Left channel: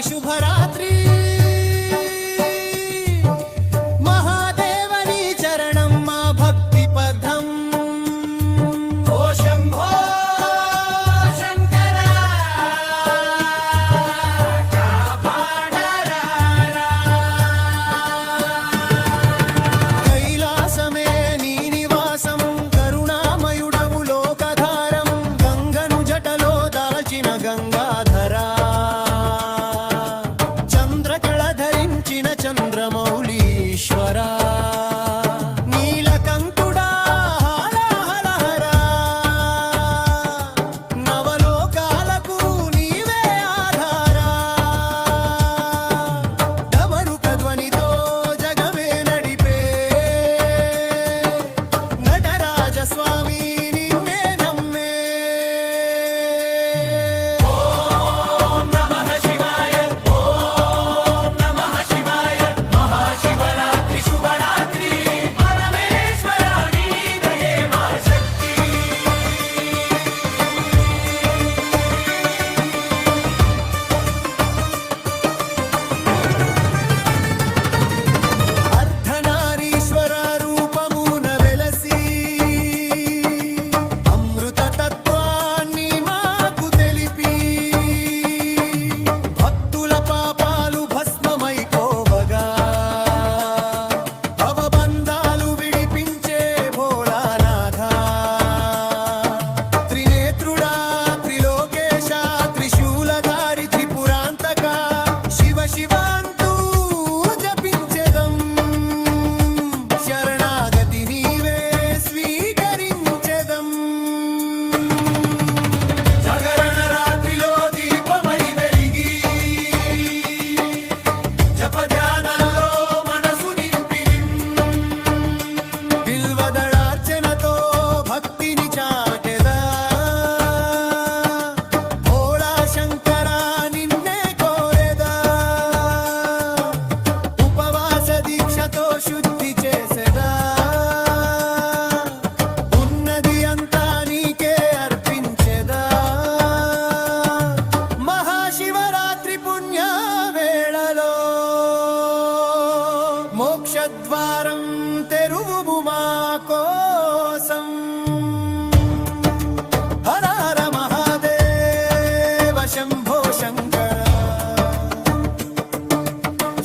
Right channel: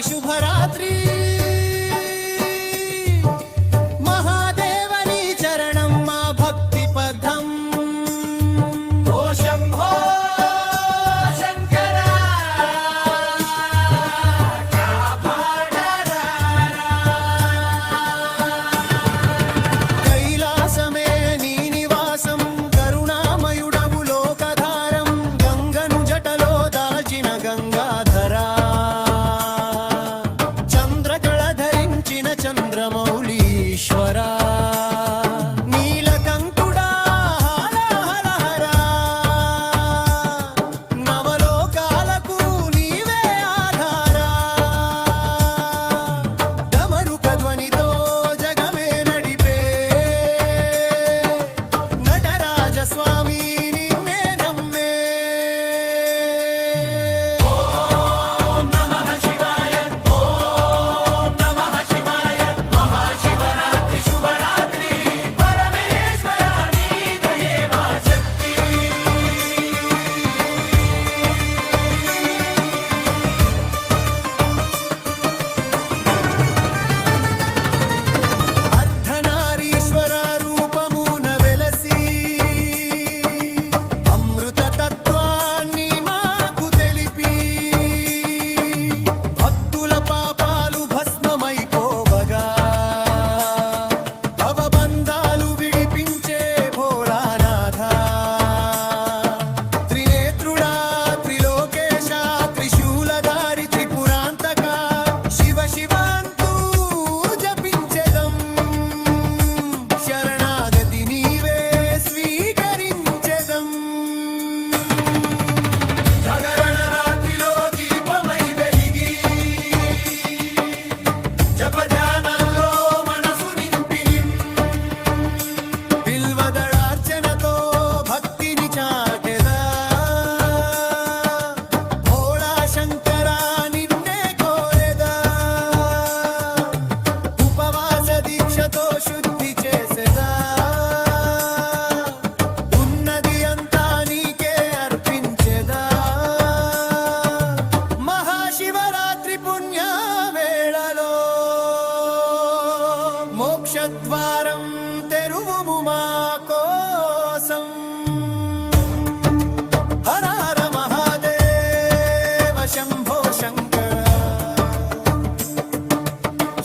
శుభరాత్రి శుభరాత్రి మహాదేవని చరణం మా భక్తి పదం ఓ శంభో శంకర కైలాసమే నీ నివాసం కరుణామయుడవు లోకధారం గంగను జటలో దాల్చిన గంగాధరా చంద్రకళ ధరించిన చంద్రమౌళీశ్వరా నీలకంఠుడా హరహరహరా నవలోకాలకు నీవే ఆధారా డమరుక ధ్వనితో జగమే నడిపే నటరాజ స్వామి నిన్నే నమ్మే ఓం నమః శివాయ ఓం నమః శివాయ మహాశివరాత్రి శుభరాత్రి పరమేశ్వర నీ దయే మా శక్తి అర్ధనారీశ్వర రూపమున వెలసి అమృత తత్వాన్ని మాకు తెలిపి భక్తుల పాపాలు భస్మమైపోవగా భవబంధాలు విడిపించే భోలానాథ త్రినేత్రుడా త్రిలోకేశ త్రిశూలధారి త్రిపురాంతక శివ శివాంతూ జపించెదం శరణాగతి నీవే స్వీకరించెదం జాగరణ రాత్రిలో దీపమై వెలిగి జపధ్యానంలో మనసు నింపి బిల్వదళార్చనతో భక్తిని చాటెదా భోళా శంకర నిన్నే కోరెదా ఉపవాస దీక్షతో శుద్ధి చేసెదా ఉన్నది అంతా నీకే అర్పించెదా మహాశివరాత్రి పుణ్య వేళలో మోక్షద్వారం తెరువుము మా కోసం హర హర మహాదేవ శంభో శంకర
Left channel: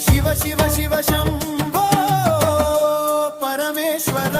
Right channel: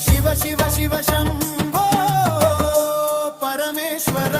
శివ శివ శివ శంభో పరమేశ్వర